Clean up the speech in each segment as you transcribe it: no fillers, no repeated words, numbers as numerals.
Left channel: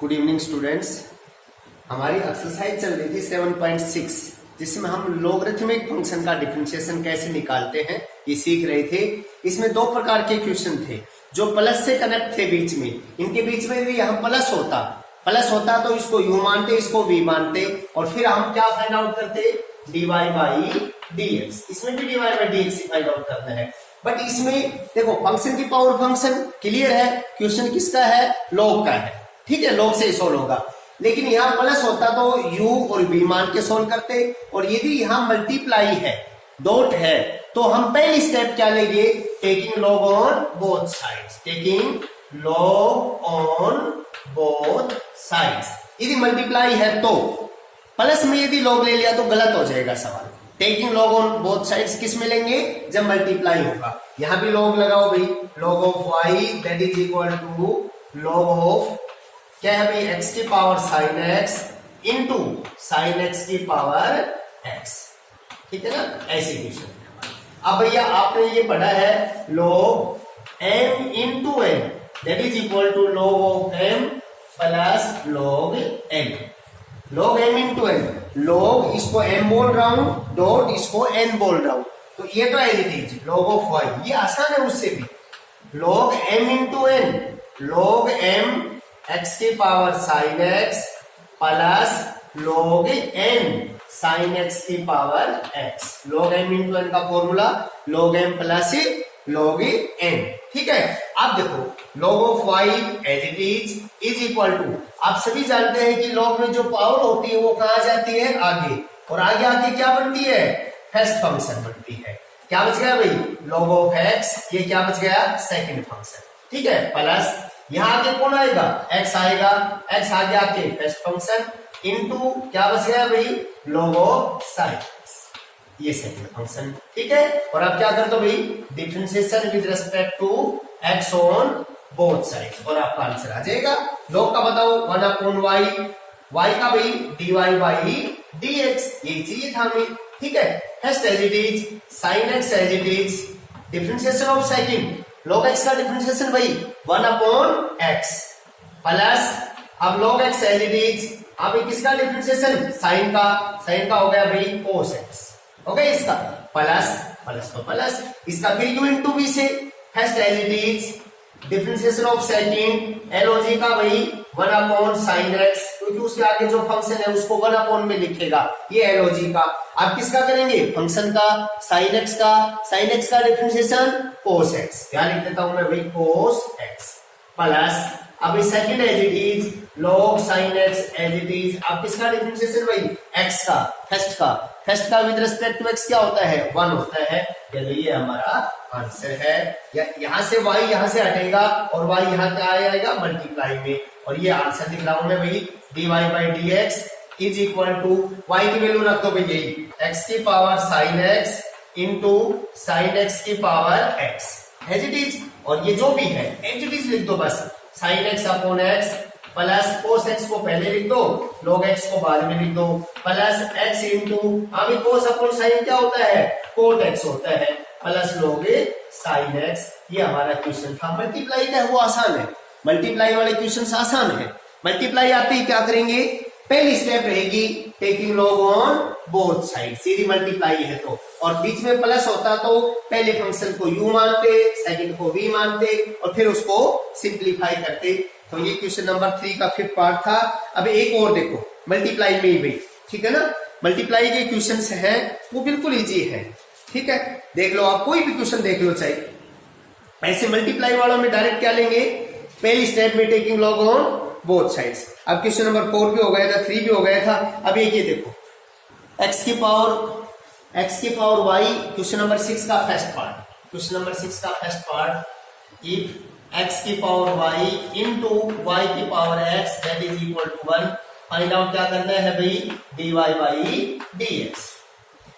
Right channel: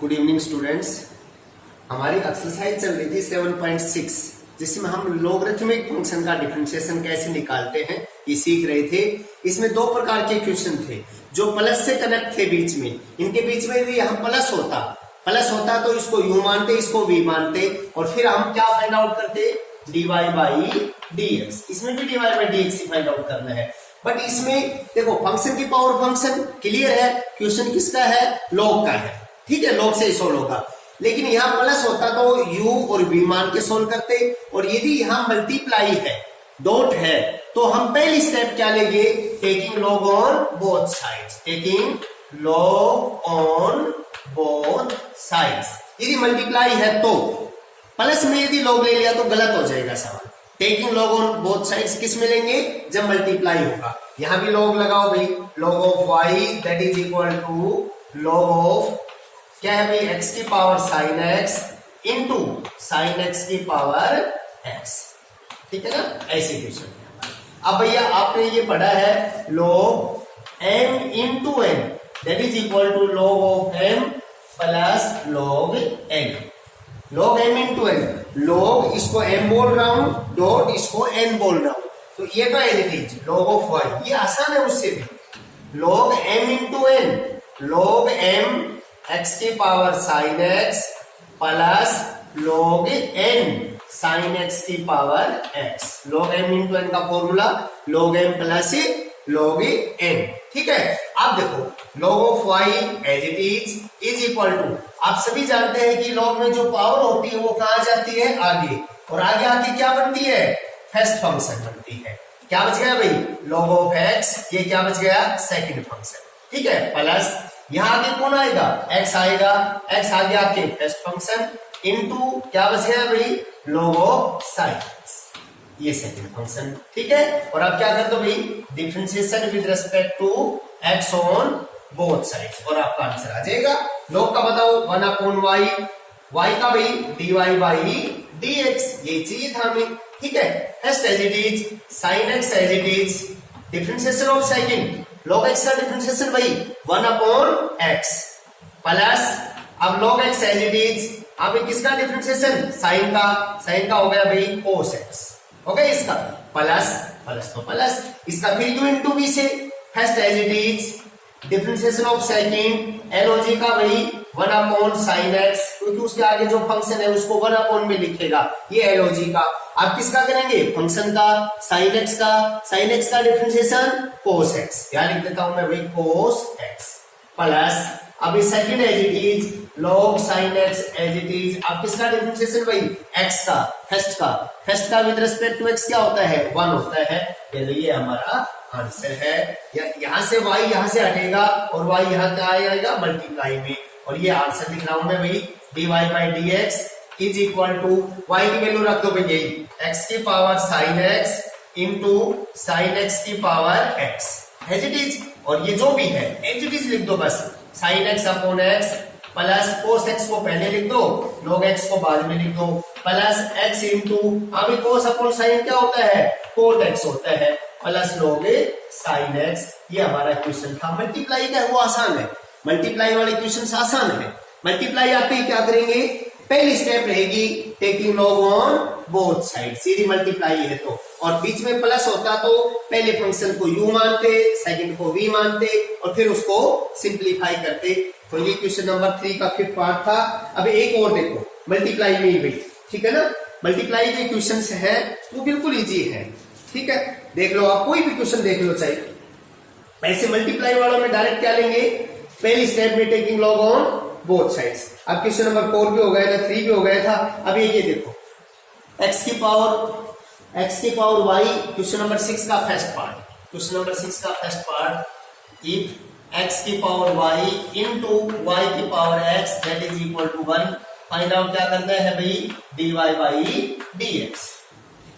Good evening students. हमारी exercise चल रही थी 7.6 जिसमें हम लोगरिथमिक फंक्शन का डिफरेंशिएशन कैसे निकालते हैं ये सीख रहे थे। इसमें दो प्रकार के क्वेश्चन थे जो प्लस से कनेक्ट थे बीच में। इनके बीच में भी यहाँ प्लस होता तो इसको यू मानते, इसको वी मानते और फिर हम क्या फाइंड आउट करते, dy बाई dx। इसमें भी dy by dx find out करना है। बट इसमें देखो फंक्शन की पावर फंक्शन क्लियर है, क्वेश्चन किसका है, लॉग का है, ठीक है, लॉग से सोल्व होगा। लेकिन यहाँ प्लस होता तो u और v मान के सोल्व करते, और यदि यहाँ मल्टीप्लाई है, डॉट है, तो हम पहली स्टेप क्या लेंगे, taking log on both sides, taking log on both sides. यदि मल्टीप्लाई है तो प्लस में यदि लॉग ले लिया तो गलत हो जाएगा सवाल। Taking log on both sides किस में लेंगे, जब मल्टीप्लाई होगा। यहां भी लॉग लगाओ भाई, log of y that is equal to log of क्या है भाई, x की power sine x into sine x की पावर x, ठीक है ना, ऐसे क्वेश्चन। अब भैया आपने ये पढ़ा है log m into n that is equal to log of m plus log n, log m into n, log इसको m बोल रहा हूं, डॉट इसको n बोल रहा हूं, तो ये तो as it is log of y, ये आसान है उससे भी। log m into n, log m x की power sine x plus log n sine x की power x, log m into n का formula log m plus log n, ठीक है। अब देखो log of y as it is equal to, आप सभी जानते हैं कि log में जो पावर होती है वो कहां जाती है, आगे, और आगे आके क्या बनती है, फर्स्ट फंक्शन बनती है। क्या बच गया भाई, log ऑफ x, ये क्या बच गया, सेकंड फंक्शन, ठीक है, प्लस यहां आगे कौन आएगा, x आएगा, x आगे आके फर्स्ट फंक्शन इनटू क्या बच गया भाई, log ऑफ साइन x, ये सेकंड फंक्शन, ठीक है। और अब क्या कर दो भाई, differentiation with respect to x on both sides, और आपका आंसर आ जाएगा। log का बताओ 1/y, y का भाई dy बाई dx, यही चाहिए था हमें, ठीक है। First as it is, sine x as it is, differentiation of second, log x का डिफरेंशिएशन भाई 1/x प्लस, अब log x as it is, अब किसका डिफरेंशिएशन, साइन का हो गया भाई cos x, हो गया इसका, प्लस तो प्लस इसका, फिर u इंटू v से, first as it is, differentiation of second log का भाई 1/sin x, क्योंकि उसके आगे जो फंक्शन है उसको 1/ में लिखेगा, ये log का। आप किसका करेंगे, फंक्शन का, sin x का डिफरेंशिएशन cos x, क्या लिख देता हूं मैं भाई, cos x प्लस, अब second as it is, log sin x as it is, अब किसका डिफरेंशिएशन भाई, x का, फर्स्ट का विद रिस्पेक्ट टू x क्या होता है, 1 होता है, ये हमारा आंसर है। यहां से y यहां से हटेगा और y यहां क्या आएगा, मल्टीप्लाई में, और ये आंसर लिख रहा हूं मैं भाई, dy by dx is equal to, y की वैल्यू रख दो भाई यही, x की power sine x into sine x की power x, as it is, और ये जो भी है एज इट इज लिख दो बस, sine x upon x plus cos x को पहले लिख दो, log x को बाद में लिख दो, प्लस x इंटू, अभी cos अपॉन साइन क्या होता है, cot x होता है, प्लस log sin x। ये हमारा क्वेश्चन था। मल्टीप्लाई का वो आसान है, मल्टीप्लाई वाले क्वेश्चन आसान है। मल्टीप्लाई आते ही क्या करेंगे, पहली स्टेप रहेगी taking log on both side, Sidhi multiply है तो, और बीच में प्लस होता तो पहले फंक्शन को u मानते, सेकंड को v मानते, और फिर उसको सिंप्लीफाई करते। तो ये क्वेश्चन नंबर 3 का 5th पार्ट था। अब एक और देखो, मल्टीप्लाई में ही भाई, ठीक है ना, मल्टीप्लाई के क्वेश्चन है वो बिल्कुल इजी है, ठीक है, देख लो आप, कोई भी क्वेश्चन देख लो चाहिए। ऐसे मल्टीप्लाई वालों में डायरेक्ट क्या लेंगे, पहली स्टेप में taking log on both sides. अब क्वेश्चन नंबर 4 भी हो गया था, 3 भी हो गया था। अब ये देखो, x की पावर y, क्वेश्चन नंबर 6 का फर्स्ट पार्ट, इफ x की पावर y इंटू y की power x that is equal to 1, find out क्या करना है भाई, dy बाई dx,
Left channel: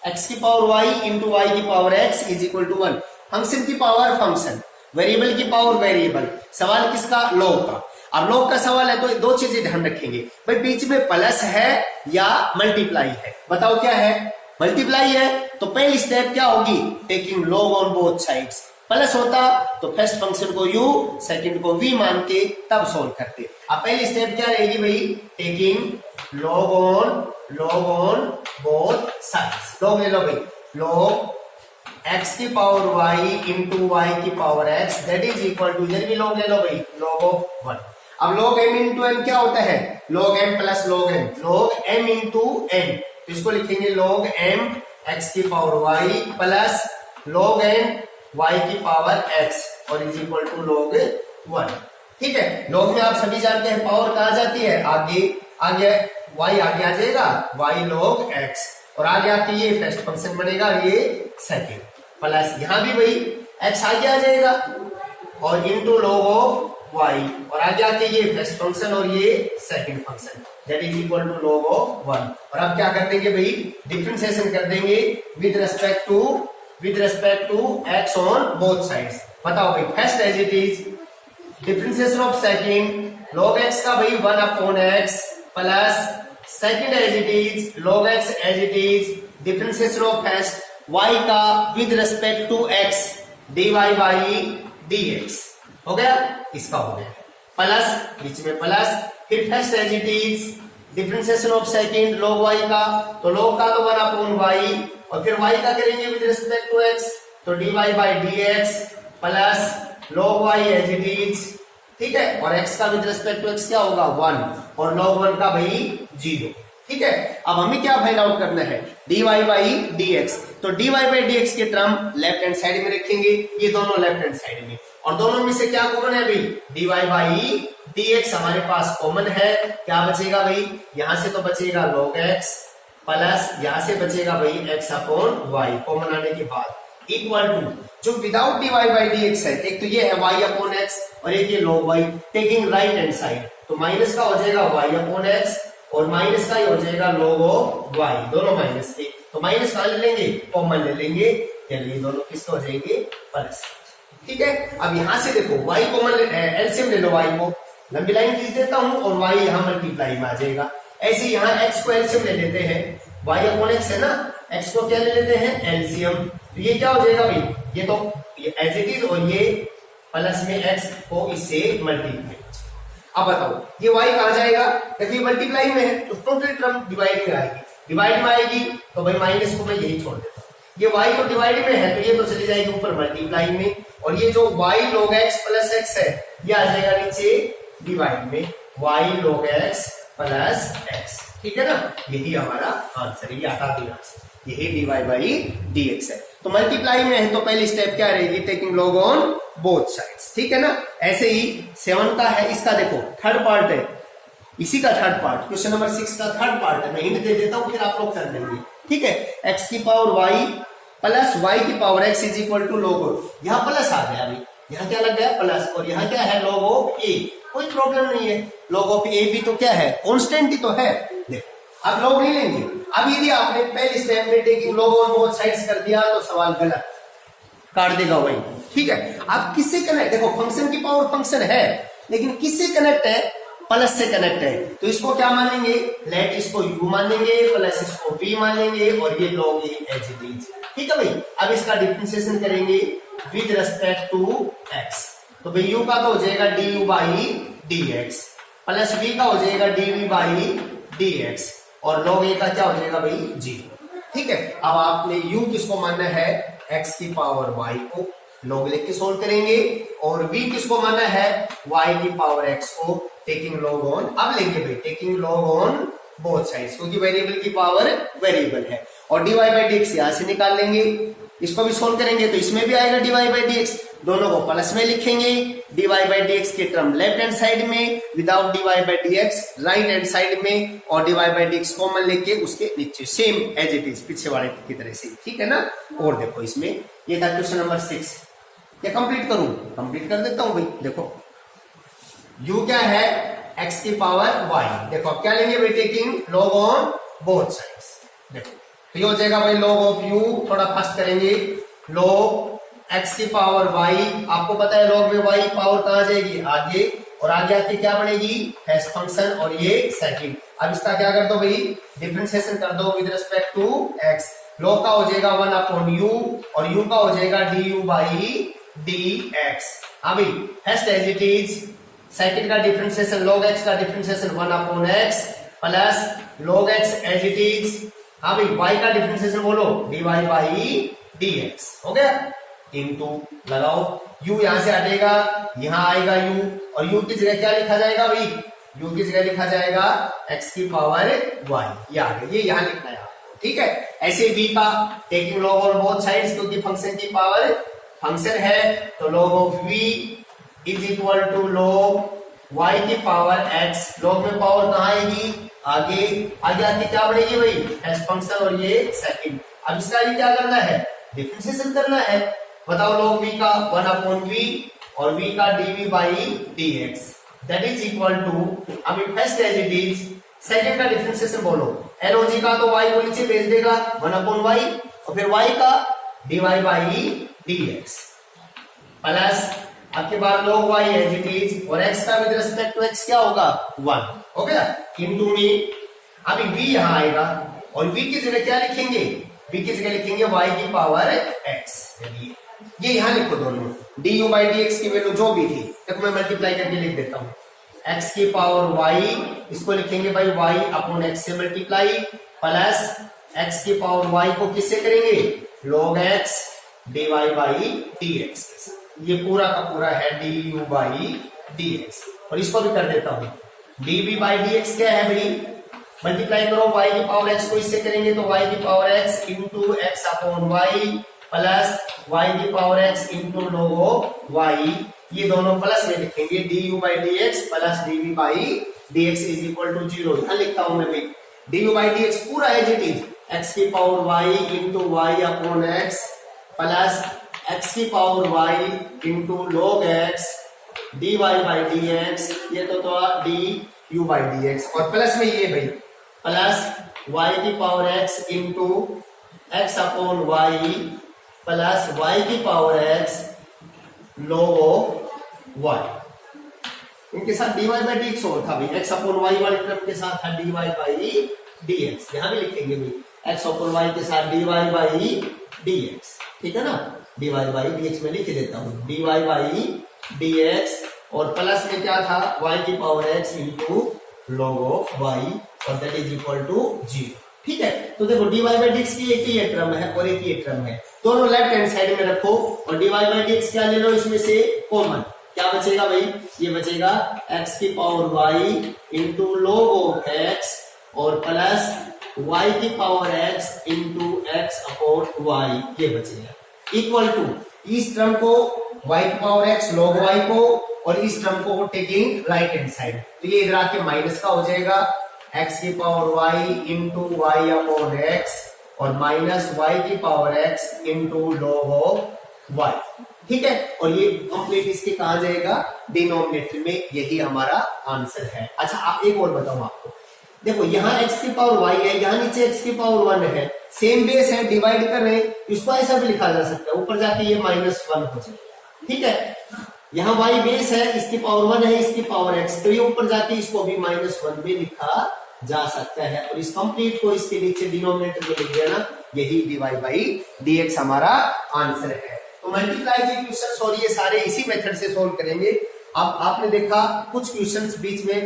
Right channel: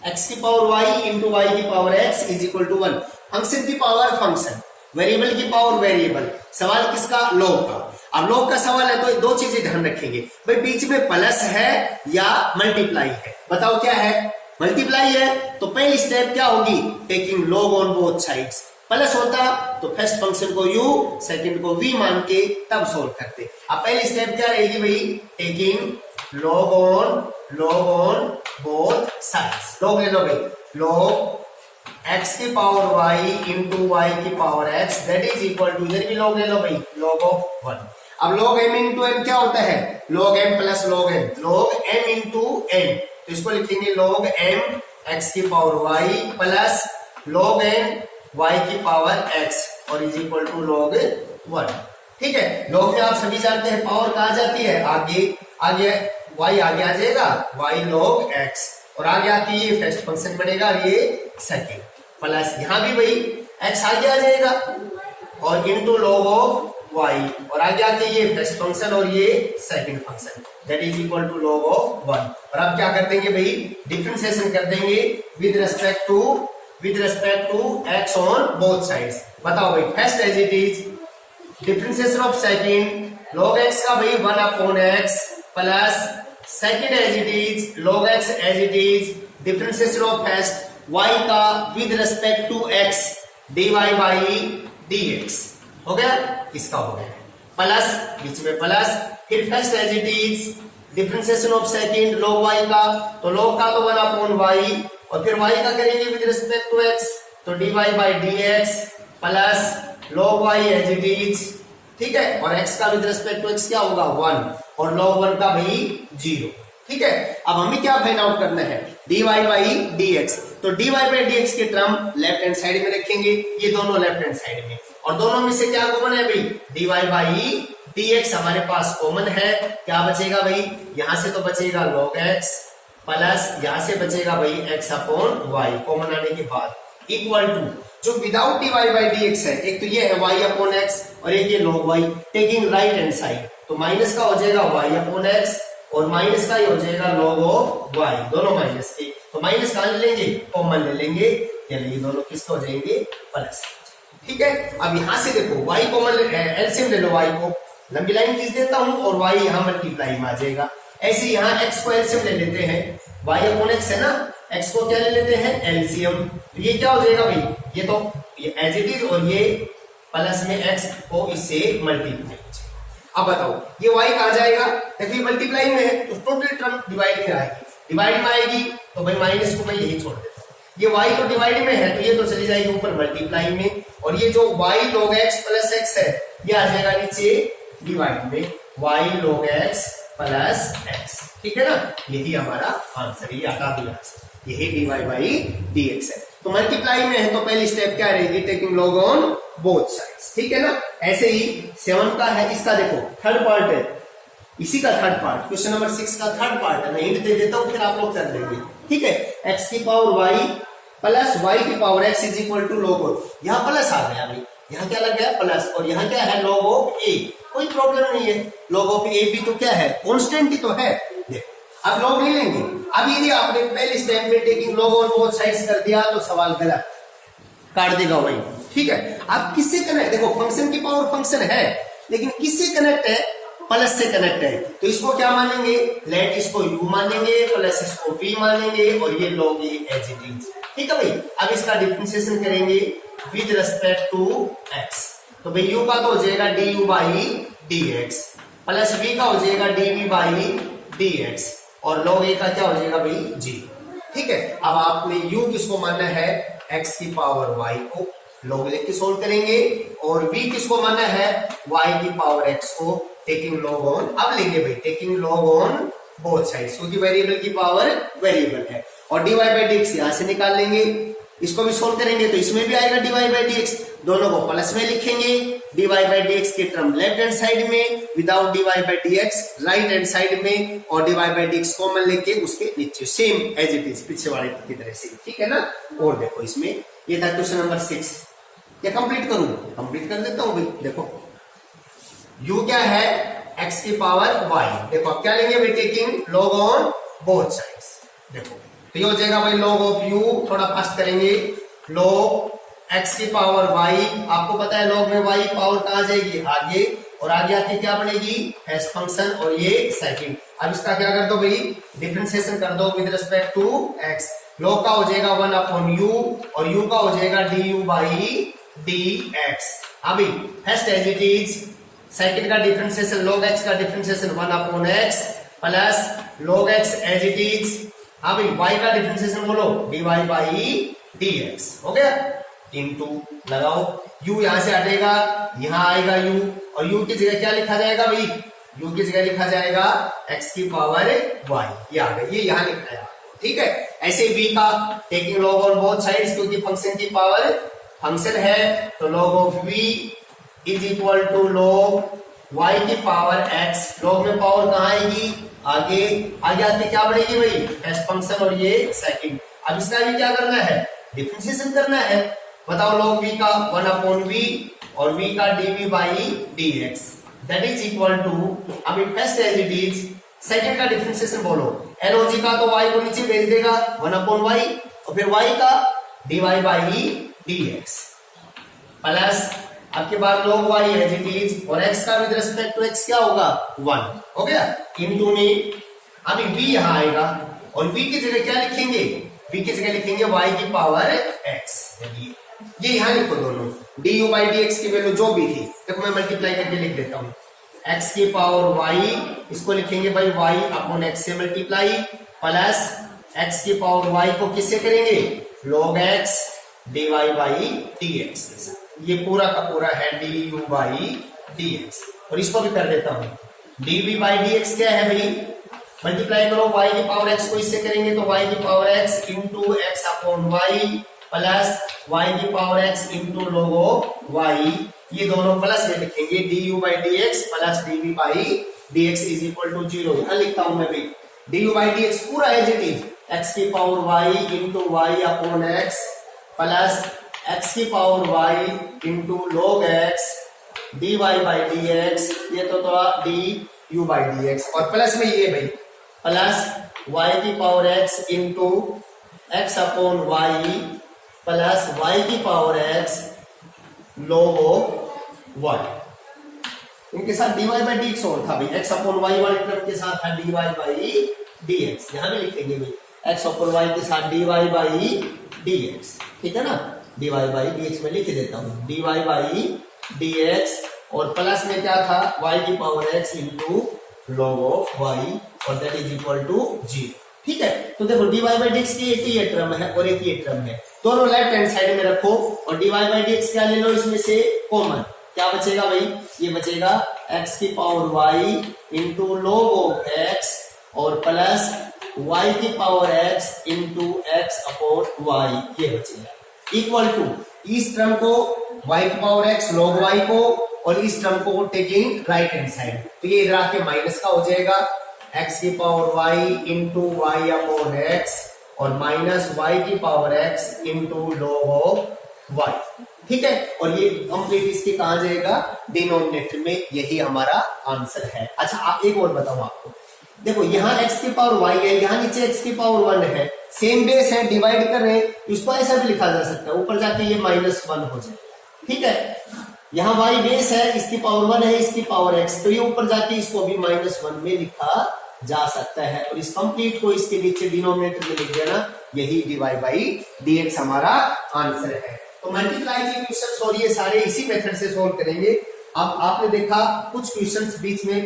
x की पावर y इंटू y की power x is equal to 1, function की पावर फंक्शन, वेरिएबल की पावर वेरिएबल, सवाल किसका, log का। अब log का सवाल है तो दो चीजें ध्यान रखेंगे भाई, बीच में प्लस है या मल्टीप्लाई है, बताओ क्या है, मल्टीप्लाई है तो पहली स्टेप क्या होगी, taking log on both sides, plus होता तो फर्स्ट फंक्शन को u सेकंड को v मान के तब सोल्व करते। अब पहली स्टेप क्या रहेगी भाई, taking log on both sides. log ले लो भाई, log x की पावर y इंटू y की power x that is equal to, इधर भी log ले लो भाई, log ऑफ 1। अब log m इंटू n क्या होता है, log m plus log n, log m into n, तो इसको लिखेंगे log m x की power y plus log n y की पावर x और इज इक्वल टू log 1। ठीक है, log में आप सभी जानते हैं पावर कहा जाती है, आगे y आगे आ जाएगा y log x और आगे आके ये फर्स्ट फंक्शन बनेगा, ये सेकंड, प्लस यहां भी वही x आगे आ जाएगा और इंटू log ऑफ y और आगे आके ये फर्स्ट फंक्शन और ये second function that is equal to log of 1। और अब क्या कर देंगे भाई, डिफरेंशिएशन कर देंगे with respect to x on both sides. बताओ भाई, first as it is, differentiation of second log x का भाई 1 upon x plus second as it is log x as it is, differentiation of first y का with respect to x dy by dx हो गया, इसका हो गया plus, बीच में plus, फिर first as it is differentiation of second log y का, तो log का तो 1 अपॉन y और फिर y का करेंगे विद रिस्पेक्ट टू x, तो dy by dx plus log y as it is. ठीक है, और x का विद रिस्पेक्ट टू x क्या होगा 1 और log 1 का भाई 0। ठीक है, अब हमें क्या फाइंड आउट करना है, dy बाई dx, तो dy बाई dx के टर्म लेफ्ट हैंड साइड में रखेंगे, ये दोनों लेफ्ट हैंड साइड में, और दोनों में से क्या कॉमन है भाई, dy बाई dx हमारे पास कॉमन है, क्या बचेगा भाई, यहां से तो बचेगा log x प्लस यहां से बचेगा भाई x अपॉन y कॉमन आने के बाद इक्वल टू, जो विदाउट dy बाई dx है, एक तो ये है y अपॉन x और एक ये log y, taking right hand side, तो माइनस का हो जाएगा y अपॉन x और माइनस का ही हो जाएगा log ऑफ y, दोनों माइनस के, तो माइनस कहां ले लेंगे, कॉमन ले लेंगे, चलिए दोनों किसके हो जाएंगे प्लस। ठीक है, अब यहां से देखो y कॉमन एलसीएम ले लो, y को लंबी लाइन खींच देता हूं और y यहां मल्टीप्लाई में आ जाएगा। ऐसे यहां x को एलसीएम ले लेते हैं, y अपॉन x है ना, x को क्या ले लेते हैं एलसीएम, तो ये क्या हो जाएगा भाई, ये तो ये एज इट इज और ये प्लस में x को इससे मल्टीप्लाई। अब बताओ ये y कहां जाएगा, देखिए मल्टीप्लाई में है तो टोटल टर्म डिवाइड में आएगी, डिवाइड में आएगी तो भाई माइनस को मैं यही छोड़ देता हूं, ये y तो डिवाइड में है तो ये तो चली जाएगी ऊपर मल्टीप्लाई में, और ये जो y log x plus x है ये आ जाएगा नीचे डिवाइड में, y log x plus x। ठीक है ना, यही हमारा आंसर, ये हटा दिया, यही dy बाई dx है। तो मल्टीप्लाई में है तो पहली स्टेप क्या रहेगी, taking log on both sides. ठीक है ना, ऐसे ही 7 का है, इसका देखो थर्ड पार्ट है, इसी का थर्ड पार्ट, क्वेश्चन नंबर 6 का थर्ड पार्ट है, मैं हिंट दे देता हूं फिर आप लोग कर देंगे। ठीक है, x की पावर y प्लस y की power x is equal to log of, यहाँ प्लस आ गया अभी, यहाँ क्या लग गया प्लस, और यहाँ क्या है log ऑफ a, कोई प्रॉब्लम नहीं है, log ऑफ a भी तो क्या है कांस्टेंट ही तो है। देखो अब log नहीं लेंगे, अब यदि आपने पहले स्टेप में taking log on both sides कर दिया तो सवाल गलत काट देगा वही। ठीक है, अब किससे कनेक्ट, देखो फंक्शन की पावर फंक्शन है लेकिन किससे कनेक्ट है, प्लस से कनेक्ट है, तो इसको क्या मानेंगे, लेट इसको u मान लेंगे प्लस इसको v मान लेंगे और ये log a as it is. ठीक है भाई, अब इसका डिफरेंशिएशन करेंगे विद रेस्पेक्ट टू x, तो भाई u का तो हो जाएगा du by dx plus v का हो जाएगा dv बाई dx और log a का क्या हो जाएगा भाई 0। ठीक है, अब आपने u किसको मानना है, x की पावर y को, log लेके सोल्व करेंगे, और v किसको मानना है, y की पावर x को, टेकिंग log ऑन, अब लेंगे भाई taking log on both sides, क्योंकि वेरिएबल की पावर वेरिएबल है, और dy बाई dx यहां से निकाल लेंगे, इसको भी सोल्व करेंगे तो इसमें भी आएगा dy बाई dx, दोनों को प्लस में लिखेंगे, dy बाई dx के टर्म लेफ्ट हैंड साइड में, without dy by dx right hand side में, और dy बाई dx कॉमन लेके उसके नीचे सेम एज इट इज पिछले वाले की तरह से। ठीक है ना, और देखो इसमें ये था क्वेश्चन नंबर 6, क्या कंप्लीट करूं, कंप्लीट कर देता हूं भाई। देखो u क्या है, x की पावर y, देखो अब क्या लेंगे भाई, taking log on both sides, देखो तो ये हो जाएगा भाई log ऑफ u, थोड़ा फास्ट करेंगे, log x की पावर y, आपको पता है log में y पावर कहां जाएगी आगे, और आगे आके क्या बनेगी फर्स्ट फंक्शन और ये सेकंड। अब इसका क्या कर दो भाई, डिफरेंशिएशन कर दो with respect to x, log का हो जाएगा 1 अपॉन u और u का हो जाएगा du बाई dx। अभी first as it is, second का डिफरेंशिएशन log x का differentiation 1/x plus log x as it is. अभी y का डिफरेंशिएशन बोलो dy बाई dx हो गया, इनटू लगाओ, u यहां से हटेगा, यहां आएगा u, और u की जगह क्या लिखा जाएगा भाई, u की जगह लिखा जाएगा x की पावर y, ये आ गया, ये यहां लिखना है आपको, ठीक है। ऐसे v का taking log on both sides, क्योंकि फंक्शन की पावर फंक्शन है, तो log of v is equal to log y की पावर x। log में पावर कहां आएगी, आगे आगे आके क्या बनेगी भाई, एस फंक्शन, और ये सेकंड। अब इसका भी क्या करना है, डिफरेंशिएशन करना है। बताओ log v का 1/v और v का dv by dx that is equal to, अभी first as it is, second का डिफरेंशिएशन बोलो, log का तो y को नीचे भेज देगा 1/y, और फिर y का dy बाई dx प्लस आपके पास log y as it is, और x का विद रिस्पेक्ट टू x क्या होगा 1 हो गया, इनटू में अभी v यहां आएगा, और v की जगह क्या लिखेंगे, v की जगह लिखेंगे y की पावर x। ये यहां लिखो दोनों, du बाई dx की वैल्यू जो भी थी, देखो मैं मल्टीप्लाई करके लिख देता हूं, x की पावर y, इसको लिखेंगे भाई y अपॉन x से मल्टीप्लाई, प्लस x की पावर y को किससे करेंगे, log x dy by dx के साथ, ये पूरा का पूरा है du बाई dx, और इसको भी कर देता हूं, dv बाई dx क्या है भाई, मल्टीप्लाई करो y की पावर x को इससे करेंगे, तो y की power x into x upon y plus y की power x into log y, ये दोनों प्लस में लिखेंगे, du by dx plus dv by dx is equal to 0। यहां लिखता हूं मैं भी, du बाई dx पूरा एज इट इज, x की power y into y upon x plus x की power y into log x dy by dx, ये तो था du बाई dx, और प्लस में ये भाई प्लस y की power x into x upon y plus y की पावर x log y, इनके साथ dy बाई dx और था भाई, x अपॉन y वाले टर्म के साथ था dy बाई dx, यहां भी लिखेंगे भाई x अपॉन y के साथ dy बाई dx, ठीक है ना, dy बाई dx में लिख देता हूं, dy बाई dx, और प्लस में क्या था y की power x into log of y, और दैट इज इक्वल टू 0, ठीक है। तो देखो dy बाई dx की एक ही ये टर्म है और एक ही ये टर्म है, दोनों लेफ्ट हैंड साइड में रखो, और dy बाई dx क्या ले लो इसमें से कॉमन, क्या बचेगा भाई, ये बचेगा x की power y into log of x, और प्लस y की power x into x upon y, ये बचेगा, इक्वल टू इस टर्म को y की पावर x log y को, और इस टर्म को टेकिंग राइट हैंड साइड, तो ये इधर आके माइनस का हो जाएगा, x की power y into y upon x, और माइनस y की power x into log of y, ठीक है। और ये कंप्लीट इसके कहा जाएगा डिनोमिनेटर में, यही हमारा आंसर है। अच्छा आप एक और बताऊं आपको, देखो यहाँ x की पावर y है, यहाँ नीचे x की पावर 1 है, सेम बेस है, डिवाइड कर रहे हैं, इसको ऐसा भी लिखा जा सकता है, ऊपर जाके ये -1 हो जाएगा, ठीक है। यहाँ y बेस है, इसकी पावर 1 है, इसकी पावर x, तो ये ऊपर जाके इसको भी -1 में लिखा जा सकता है, और इस कंप्लीट को इसके नीचे डिनोमिनेटर में लिख देना, यही dy बाई dx हमारा आंसर है। तो मल्टीप्लाई के क्वेश्चंस और ये सारे इसी मेथड से सोल्व करेंगे। अब आपने देखा कुछ क्वेश्चंस बीच में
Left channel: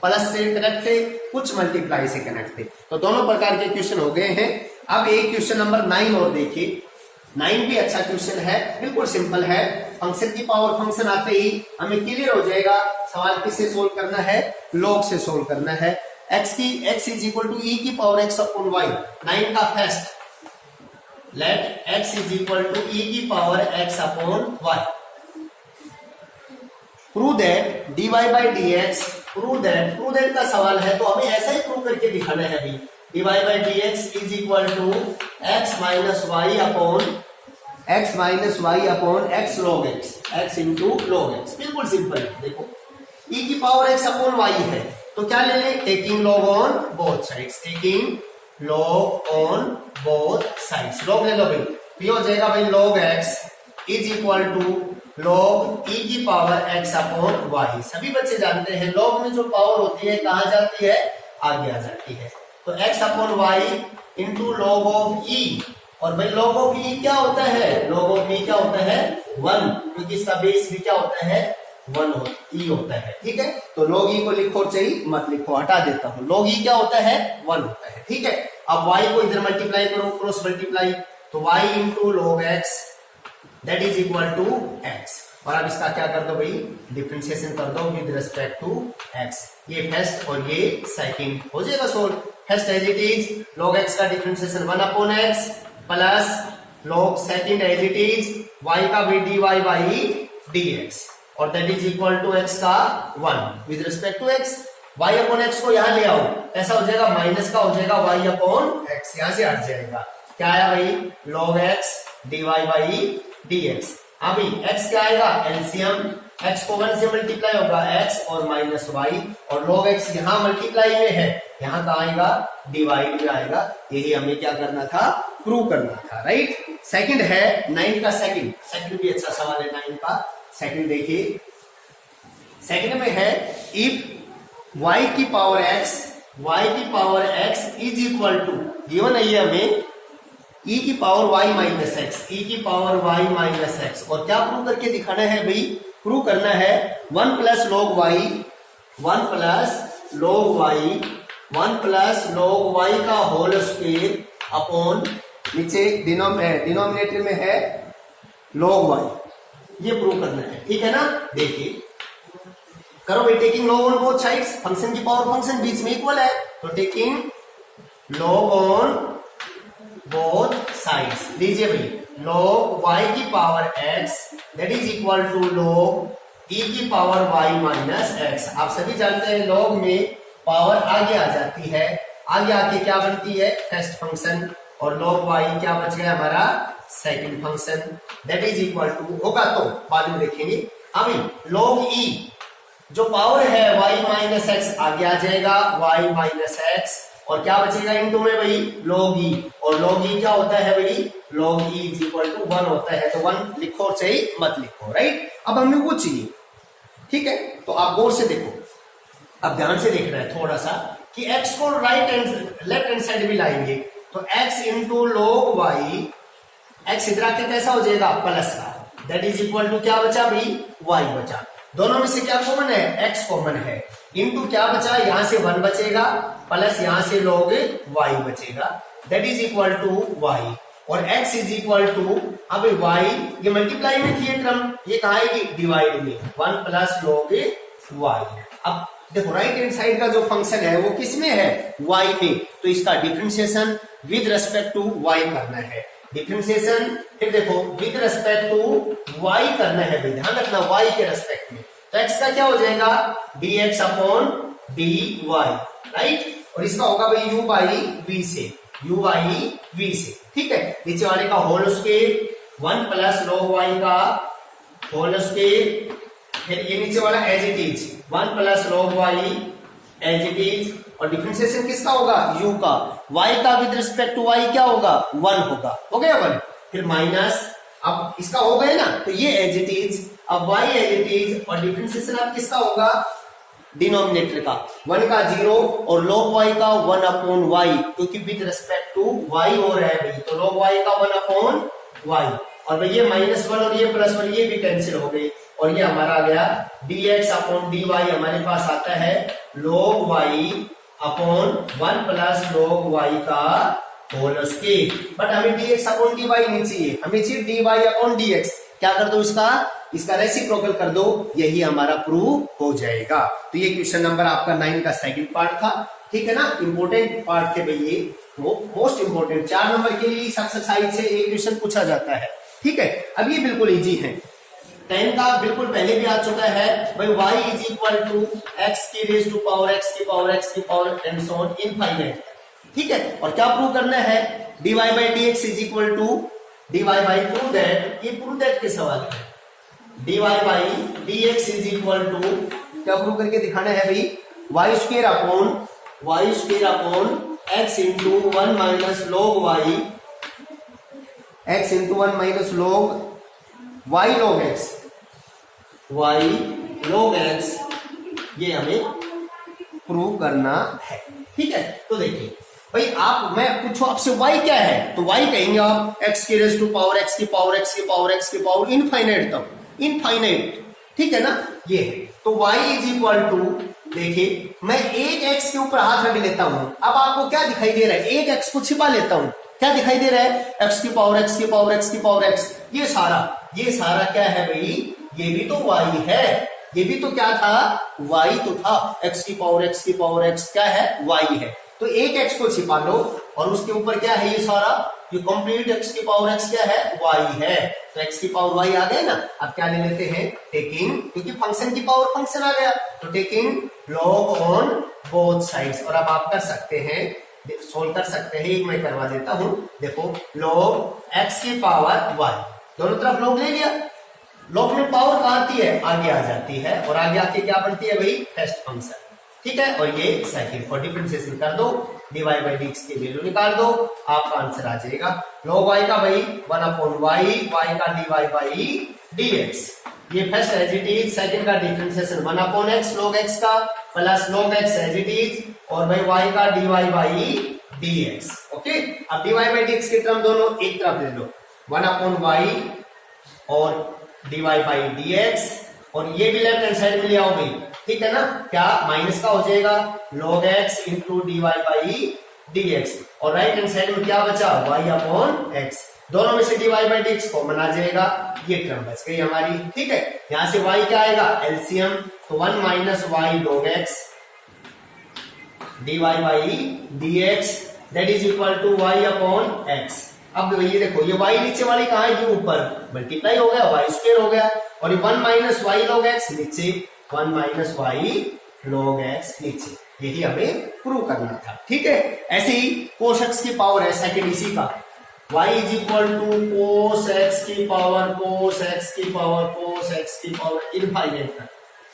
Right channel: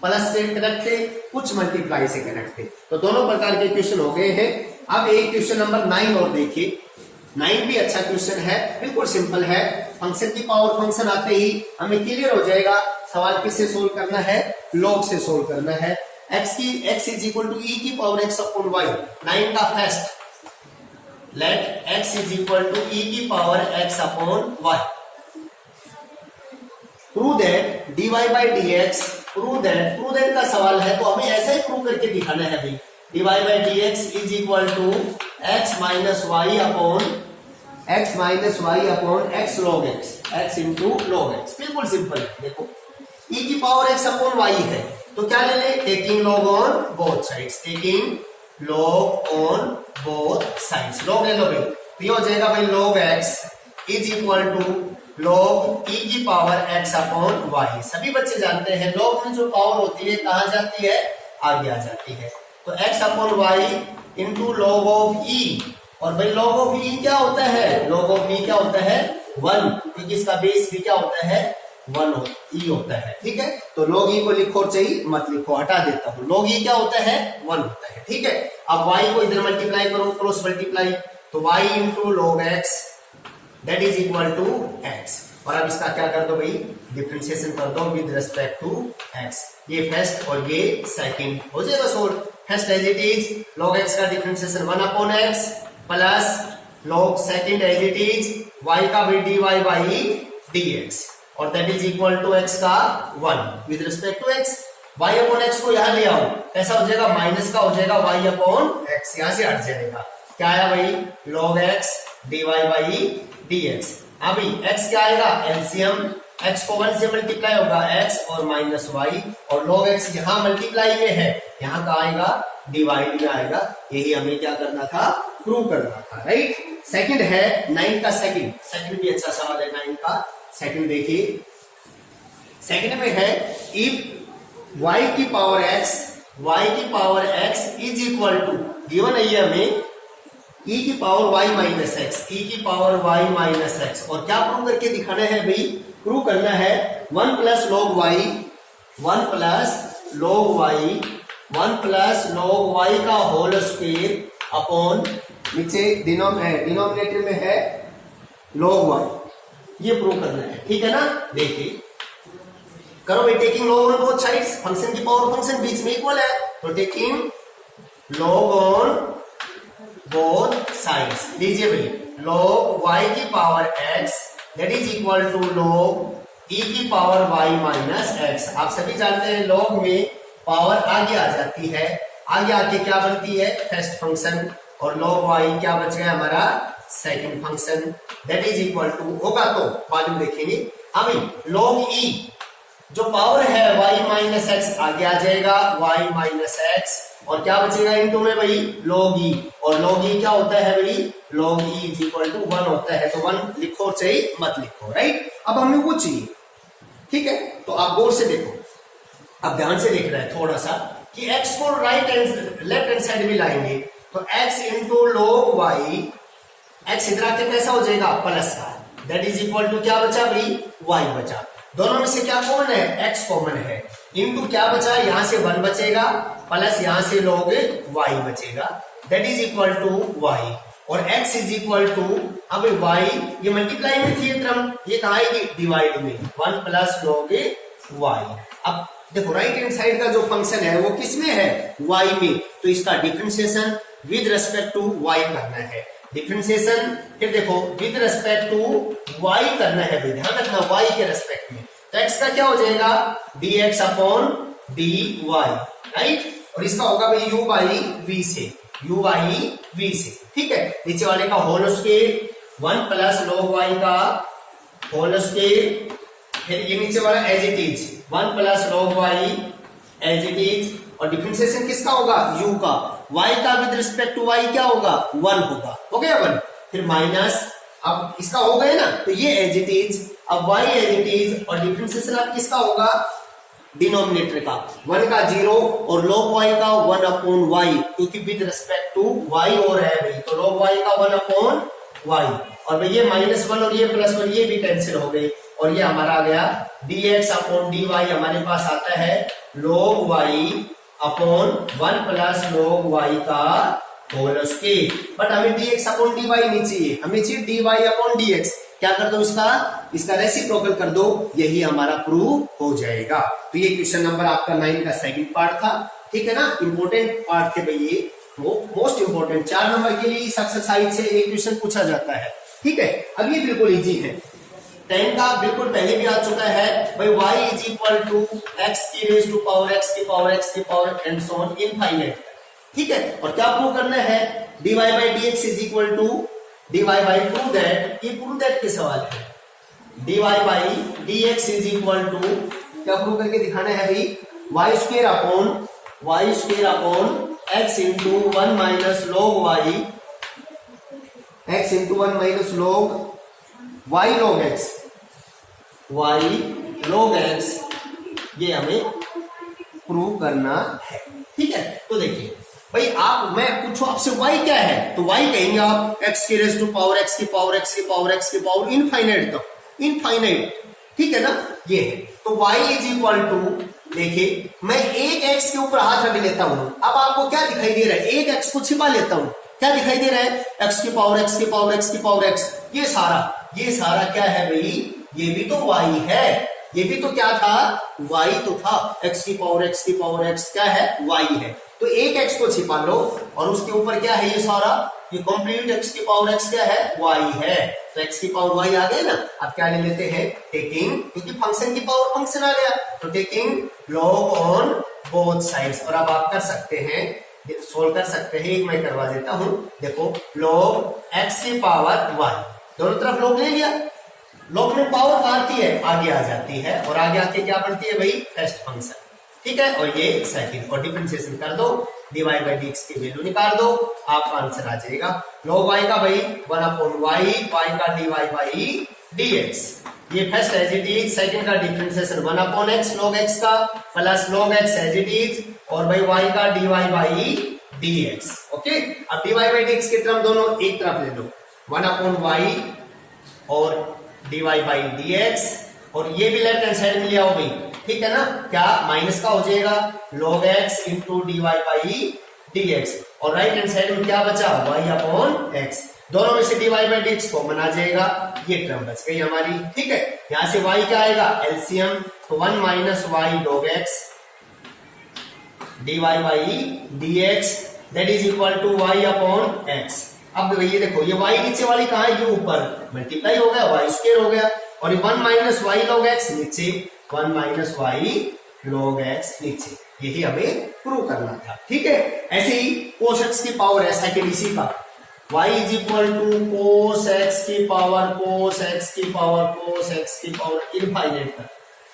प्लस से कनेक्ट थे, कुछ मल्टीप्लाई से कनेक्ट थे, तो दोनों प्रकार के क्वेश्चन हो गए हैं। अब एक क्वेश्चन नंबर 9 और देखिए, 9 भी अच्छा क्वेश्चन है, बिल्कुल सिंपल है, फंक्शन की पावर फंक्शन आते ही हमें क्लियर हो जाएगा सवाल किससे सोल्व करना है, log से सोल्व करना है। x is equal to e की पावर x अपॉन y, 9 का first, let x is equal to e की power x upon y, prove that dy by dx, prove that का सवाल है, तो हमें ऐसा ही प्रूव करके दिखाना है भाई, dy by dx is equal to x minus y upon x log x, x into log x, बिल्कुल सिंपल है। देखो e की पावर x अपॉन y है, तो क्या ले लें, taking log on both sides, taking log on both sides, log ले लो भाई, तो ये हो जाएगा भाई log x is equal to log e की पावर x अपॉन y। सभी बच्चे जानते हैं log में जो पावर होती है कहां जाती है, आगे आ जाती है, तो x upon y into log of e, और भाई log ऑफ e क्या होता है, log ऑफ e क्या होता है 1, क्योंकि इसका बेस भी क्या होता है 1 होता है। ठीक है, तो log e को लिखो चाहिए मत लिखो, हटा देता हूं। log e क्या होता है 1 होता है। ठीक है, अब y को इधर मल्टीप्लाई करो, क्रॉस मल्टीप्लाई, तो y into log x that is equal to x। और अब इसका क्या कर दो भाई, डिफरेंशिएशन कर दो विद रिस्पेक्ट टू x। ये फर्स्ट और ये सेकंड हो जाएगा solve. First as it is log x का differentiation 1 upon x plus log second as it is y का भी dy बाई dx और that is equal to x का 1 with respect to x। y upon x को यहां ले आओ, ऐसा हो जाएगा माइनस का हो जाएगा y अपॉन x, यहां से हट जाएगा। क्या आया भाई log x dy by dx। अभी x क्या आएगा एलसीएम, x को 1 से मल्टीप्लाई होगा x और माइनस y, और log x यहाँ मल्टीप्लाई में है, यहाँ का आएगा डिवाइड में आएगा। यही हमें क्या करना था, प्रूव करना था, राइट। सेकंड है 9 का सेकंड भी अच्छा सवाल है 9 का सेकंड। देखिए सेकंड में है इफ y की power x is equal to, given है ये हमें e की power y minus x, e की पावर y माइनस एक्स, और क्या प्रूव करके दिखाना है भाई, प्रूव करना है 1 प्लस log y का होल स्क्वायर अपॉन नीचे डिनोमिनेटर में है log y, ये प्रूव करना है। ठीक है ना, देखिए करो भाई, taking log on both sides, function की पावर फंक्शन बीच में इक्वल है, तो taking log on both sides, लीजिए भाई log y की power x that is equal to log e की पावर y माइनस x। आप सभी जानते हैं log में पावर आगे आ जाती है, आगे आके क्या बनती है फर्स्ट फंक्शन, और log y क्या बच गया हमारा second function that is equal to होगा, तो बाद में देखेंगे। अभी log e जो पावर है y माइनस एक्स आगे आ जाएगा y माइनस एक्स, और क्या बचेगा इनटू में भाई log e, और log e क्या होता है भाई log e is equal to 1 होता है, तो 1 लिखो चाहिए मत लिखो, राइट। अब हमें वो चाहिए, ठीक है, तो आप गौर से देखो, अब ध्यान से देख रहे हैं थोड़ा सा कि x को लेफ्ट हैंड साइड में लाएंगे, तो x into log y, x इधर आके कैसा हो जाएगा प्लस का, दैट इज इक्वल टू क्या बचा भाई y बचा, दोनों में से क्या कॉमन है x कॉमन है, इंटू क्या बचा यहां से 1 बचेगा प्लस यहां से log y बचेगा that is equal to y, और x इज इक्वल टू, अब y ये मल्टीप्लाई में थी ये टर्म, ये कहा है कि डिवाइड में 1 प्लस log y। अब देखो राइट हैंड साइड का जो फंक्शन है वो किस में है y में, तो इसका differentiation with respect to y करना है, डिफरेंशिएशन फिर देखो विद रेस्पेक्ट टू y करना है भाई, ध्यान रखना y के रेस्पेक्ट में, तो x का क्या हो जाएगा dx अपॉन dy, राइट, और इसका होगा भाई u बाई v से, ठीक है। नीचे वाले का whole square 1 plus log y का होल स्क्वायर, फिर ये नीचे वाला as it is 1 plus log y as it is, और डिफरेंशिएशन किसका होगा u का, y का विद रिस्पेक्ट टू y क्या होगा 1 होगा, हो गया 1, फिर माइनस, अब इसका हो गया ना, तो ये एज इट इज, अब y एज इट इज, और डिफरेंशिएशन अब किसका होगा डिनोमिनेटर का 1 का 0 और log y का 1 अपॉन y, क्योंकि विद रिस्पेक्ट टू y हो रहा है भाई, तो log y का 1 अपॉन y, और भाई ये -1 और ये +1 ये भी कैंसिल हो गई, और ये हमारा आ गया dx अपॉन dy, हमारे पास आता है log y upon 1 plus log y का होल स्क्वायर, बट हमें dx अपॉन dy नहीं चाहिए, हमें चाहिए dy अपॉन dx। क्या कर दो इसका रेसिप्रोकल कर दो, यही हमारा प्रूव हो जाएगा। तो ये क्वेश्चन नंबर आपका 9 का सेकंड पार्ट था, ठीक है ना, इंपॉर्टेंट पार्ट थे भाई, ये मोस्ट इंपॉर्टेंट 4 नंबर के लिए इस एक्सरसाइज से एक क्वेश्चन पूछा जाता है, ठीक है। अब ये बिल्कुल इजी है, 10 का बिल्कुल पहले भी आ चुका है भाई, y is equal to x की रेज टू पावर x की पावर x की power and so on infinite, ठीक है। और क्या प्रूव करना है dy by dx is equal to dy by prove that के सवाल है, dy by dx is equal to क्या प्रूव करके दिखाना है भाई, y square upon x into 1 minus log y, x into 1 minus log y log x, ये हमें प्रूव करना है, ठीक है। तो देखिए भाई आप, मैं पूछो आपसे y क्या है, तो y कहेंगे आप x की रेज़ टू पावर x की पावर x की पावर x की पावर इनफाइनाइट तक, इनफाइनाइट, ठीक है ना। ये तो y इज इक्वल टू, देखिए मैं एक x के ऊपर हाथ रख लेता हूं, अब आपको क्या दिखाई दे रहा है, एक x को छिपा लेता हूं, क्या दिखाई दे रहा है, x की पावर x की पावर x की पावर x, ये सारा क्या है भाई, ये भी तो y है, ये भी तो क्या था, y तो था, x की पावर x की पावर x क्या है, y है। तो एक x को छिपा लो और उसके ऊपर क्या है, ये सारा, ये कंप्लीट x की पावर x क्या है, y है। तो x की पावर y आ गया ना। अब क्या ले लेते हैं, टेकिंग, क्योंकि फंक्शन की पावर फंक्शन आ गया, तो taking log on both sides. और अब आप कर सकते हैं, सोल्व कर सकते हैं, एक मैं करवा देता हूं, देखो लॉग x की पावर y, दोनों तरफ लॉग ले लिया, लॉग में पावर आती है, आगे आ जाती है, और आगे आके क्या बनती है भाई, फर्स्ट फंक्शन, ठीक है। और ये सेकंड, और डिफरेंशिएशन कर दो, dy बाई dx की वैल्यू निकाल दो, आपका आंसर आ जाएगा log y का भाई 1/y, y का dy बाई dx, ये first as it is, second का डिफरेंशिएशन 1/x log x का plus log x as it is, और भाई y का dy बाई dx, ओके। अब dy बाई dx की टर्म दोनों एक तरफ ले लो, 1/y और dy बाई dx, और ये भी लेफ्ट हैंड साइड में ले आओ भाई, ठीक है ना, क्या माइनस का हो जाएगा, log x into dy by dx, और राइट हैंड साइड में क्या बचा, y अपॉन x, दोनों में से dy बाई dx कॉमन आ जाएगा, ये टर्म बच गई हमारी, ठीक है। यहां से y क्या आएगा, एलसीएम, तो 1 minus y log x dy by dx that is equal to y upon x। अब ये देखो, ये y नीचे वाली कहां है, ये ऊपर मल्टीप्लाई हो गया, y स्क्वायर हो गया, और ये 1 माइनस y log x नीचे, 1 माइनस y log x नीचे, यही हमें प्रूव करना था, ठीक है। ऐसे ही cos x की पावर है सेकंड इसी का, y is equal to cos x की पावर cos x की पावर cos x की पावर इनफाइनाइट तक,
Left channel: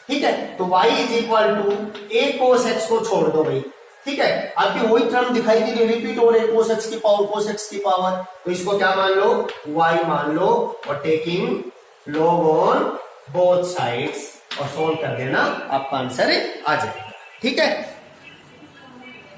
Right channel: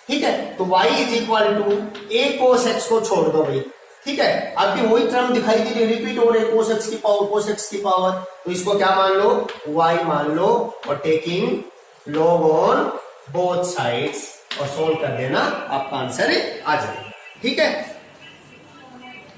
ठीक है। तो y is equal to a cos x को छोड़ दो भाई, ठीक है। अब भी वही टर्म दिखाई दे रही, रिपीट हो रहे, cos x की पावर cos x की पावर, तो इसको क्या मान लो, y मान लो, और taking log on both sides, और सोल्व कर देना, आपका आंसर आ जाएगा, ठीक है।